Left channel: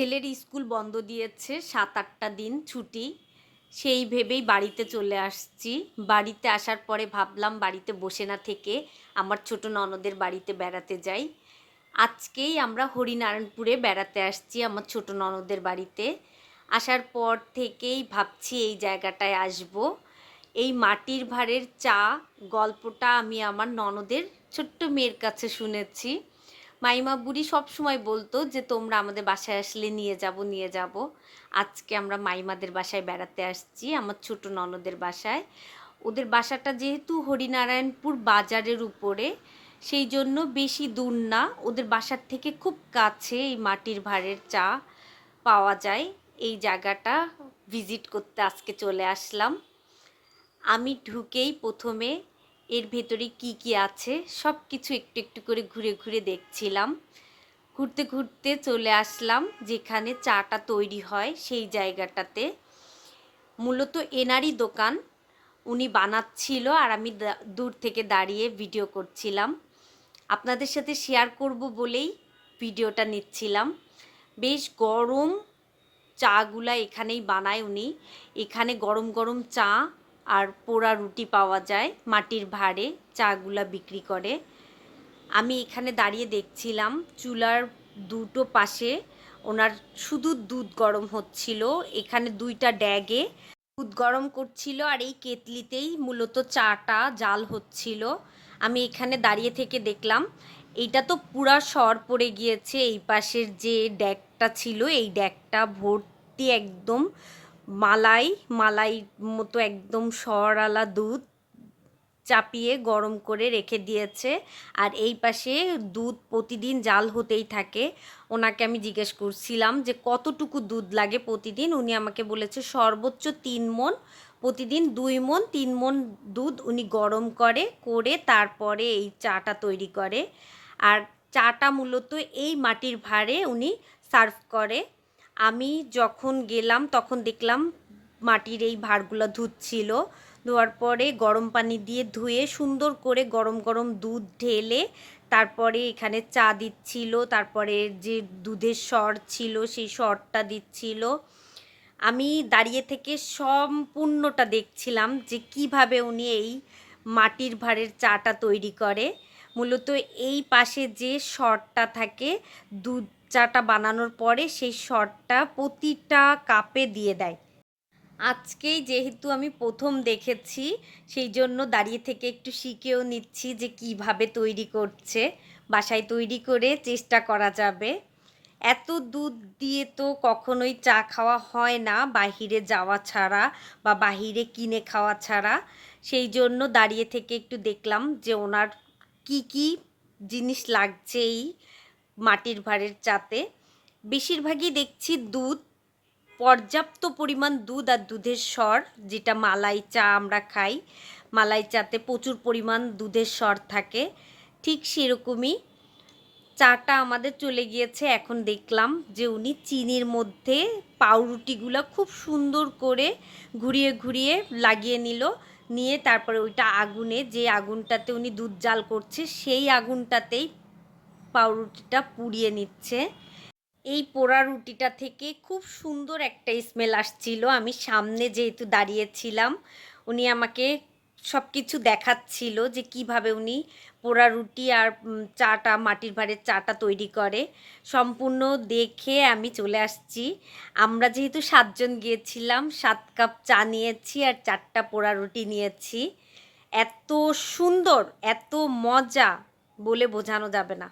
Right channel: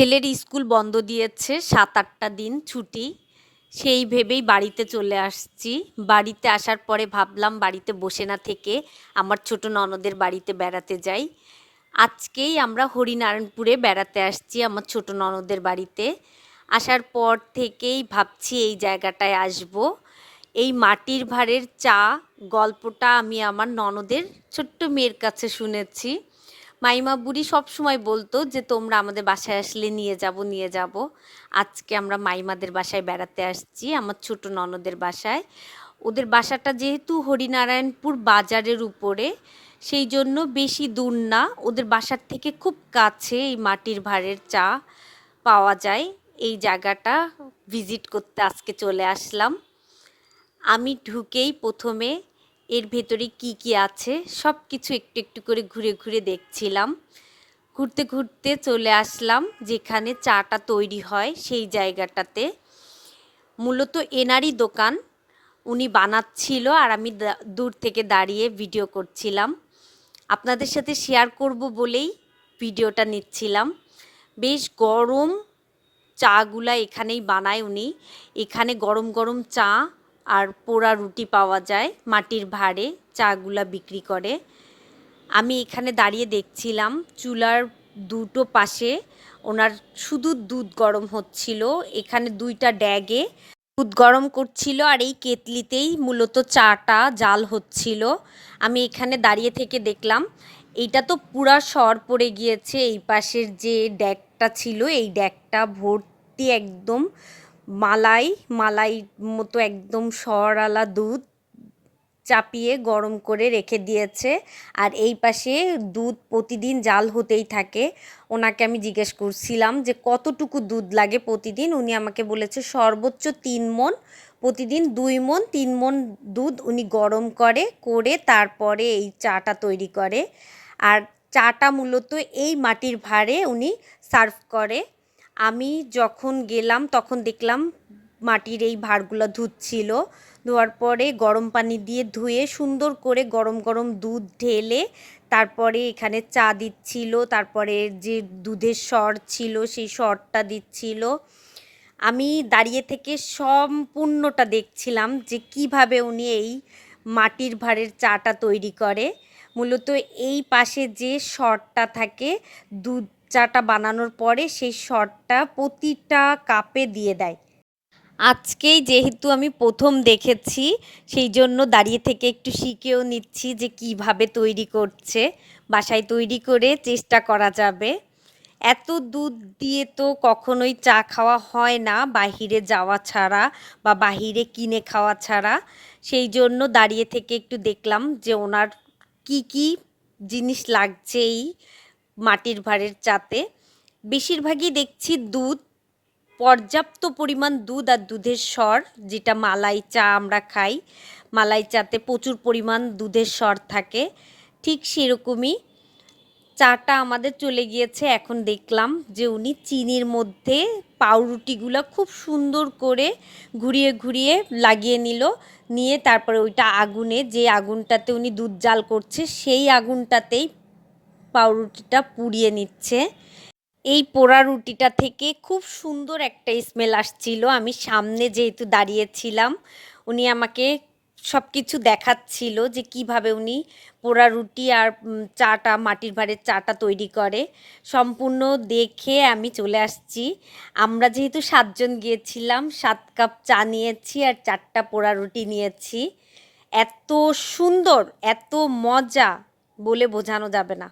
ছেলের স্কুল বন্ধ দিয়েছে সাত আটটা দিন ছুটি। সেই ভেবেই বাড়িতে চলে আসছি। বাড়িতে আসার পরে ভাবলাম বাড়িতে বসে না থেকে আমার ছোট ননদের বাড়িতে বেড়াতে যাই। আজকেই আমরা হরিনারায়ণপুরে বেড়াতে আসছি আমার ছোট ননদের বাড়িতে। আসার পর থেকেই ভাবছি এই জায়গাটায় আসব। এই মাটির ভাঁড়ের চা গল্পটা আমি আমার ননদের ছোট্ট মেয়ের কাছে শুনেছি। মাইমা বুড়ি সব সময় বলতো যে, তোমরা আমাদের বাসায় আসলে নিয়ে যাব নিয়ে যাব। আজকে আমরা মাইমাদের বাসায় বেড়াতে আসছি, আমার ছোট ননদের বাসায়। ওদের বাসাটা যেহেতু হরিনারায়ণপুর বাজারের উপরে, সেই জন্য বেশি দূর না। ওদের বাসার থেকে খুব কাছে এই মাটির ভাঁড়ের চা পাওয়া যায়। এই জায়গাটা ভিজিট করতে আজকে চলে আসলাম। আমি ঢুকেই প্রথমে এর ভেতরে কি কি আছে? সব কিছু একটু একটু করে ঘুরে ঘুরে দেখছিলাম। ঘুরতে ঘুরতে চলে আসলাম যেখানে চাটা তৈরি হয় সেই জায়গাটাতে। মূলত এনারই দোকান। উনি বানাচ্ছিল আর আমি দূর থেকে দাঁড়িয়ে ভিডিও করছিলাম। আপনাদের সাথে শেয়ার করব বলেই ভিডিওটা নিচ্ছিলাম। বেশ গরম চাগুলা এখানেই বানায় উনি। এখানে গরম গরম চা আর পোড়া রুটি পাওয়া যায়, মাটির ভাঁড়ে, চাগুলা বিক্রি করে। আমি এখানে দাঁড়িয়ে দেখছিলাম, চুলার দুটো পাশে ওনার শুধু দুধ গরম হচ্ছিল, এখানে দুইটা ড্যাগে দুধ গরম করছিল আর এই কেতলিতেই মূলত চাটা জাল হচ্ছিল। আমি এখানে দাঁড়িয়ে থেকে দেখলাম, এইটা তো পুরা সর পড়ে গিয়েছে, এই পাশের যে ড্যাগটা ছিল, এই ড্যাগটা ভর্তি একদম মালাই মালাই মতো একদম সরওয়ালা দুধ চাপিয়ে গরম করে রেখে দিয়েছে। আর এই পাশে দুধ প্রতিদিন জাল হতেই থাকে। ওনাকে আমি জিজ্ঞেস করছিলাম যে, কতটুকু দুধ লাগে প্রতিদিন? উনি আমাকে বলেছে, সর্বোচ্চ তিন মন প্রতিদিন দুই মন তিন মন দুধ উনি গরম করে করে তারপরে এই চাটা তৈরি করে। আর চাটা মূলত এই মাটির ভাঁড়ে উনি সার্ভ করে। আমি যখন গেলাম, তখন দেখলাম মাটির এই ভাঁড়গুলো ধুচ্ছিল। ধোয়ার পরে গরম পানি দিয়ে ধুয়ে সুন্দর করে গরম গরম দুধ ঢেলে তারপরে এখানে চা দিচ্ছিল, তারপরে যে দুধের স্বর ছিল সেই স্বরটা দিচ্ছিল। আমি দাঁড়িয়ে থেকে সম্পূর্ণটা দেখছিলাম যে কীভাবে উনি এই মাটির ভাঁড়ের চাটা তৈরি করে। মূলত এই পাশে যে শটটা থাকে, দুধ চাটা বানানোর পরে সেই শটটা প্রতিটা কাপে দিয়ে দেয়। আজকেই যেহেতু আমি প্রথম দেখেছি, সেই জন্য দাঁড়িয়ে থেকে একটু শিখেও নিচ্ছি যে কীভাবে তৈরি করছে, বাসায় তৈরি করে চেষ্টা করা যাবে। এত দুধ দিয়ে তো কখনোই চা খাওয়া হয় না, বাহিরে যাওয়া ছাড়া বা বাহিরে কিনে খাওয়া ছাড়া। সেই জন্য দাঁড়িয়ে থেকে একটু দেখলাম যে ওনার কি কি জিনিস লাগছে এই মাটির ভাঁড়ের চাতে বেশিরভাগই দেখছি দুধ, পর্যাপ্ত পরিমাণ দুধ আর দুধের স্বর, যেটা মালাই চা আমরা খাই। মালাই চাতে প্রচুর পরিমাণ দুধের স্বর থাকে, ঠিক সেরকমই। চাটা আমাদের চলে গিয়েছে, এখন দেখলাম যে উনি চিনির মধ্যে পাউরুটিগুলো খুব সুন্দর করে ঘুরিয়ে ঘুরিয়ে লাগিয়ে নিল, নিয়ে তারপরে ওইটা আগুনে, যে আগুনটাতে উনি দুধ জাল করছে, সেই আগুনটাতেই পাউরুটিটা পুড়িয়ে নিচ্ছে। এই পোড়া রুটিটা থেকে খুব সুন্দর একটা স্মেল আসছিল। আমি সামনে যেহেতু দাঁড়িয়েছিলাম, উনি আমাকে সব কিছু দেখাচ্ছিল যে কীভাবে উনি পোড়া রুটি আর চাটা, মাটির ভাঁড়ের চাটা তৈরি করে। সম্পূর্ণ দেখে আমি চলে আসছি। আমরা যেহেতু সাতজন গিয়েছিলাম, সাত কাপ চা নিয়েছি আর চারটা পোড়া রুটি নিয়েছি। এত সুন্দর, এত মজা বলে বোঝানো যাবে না।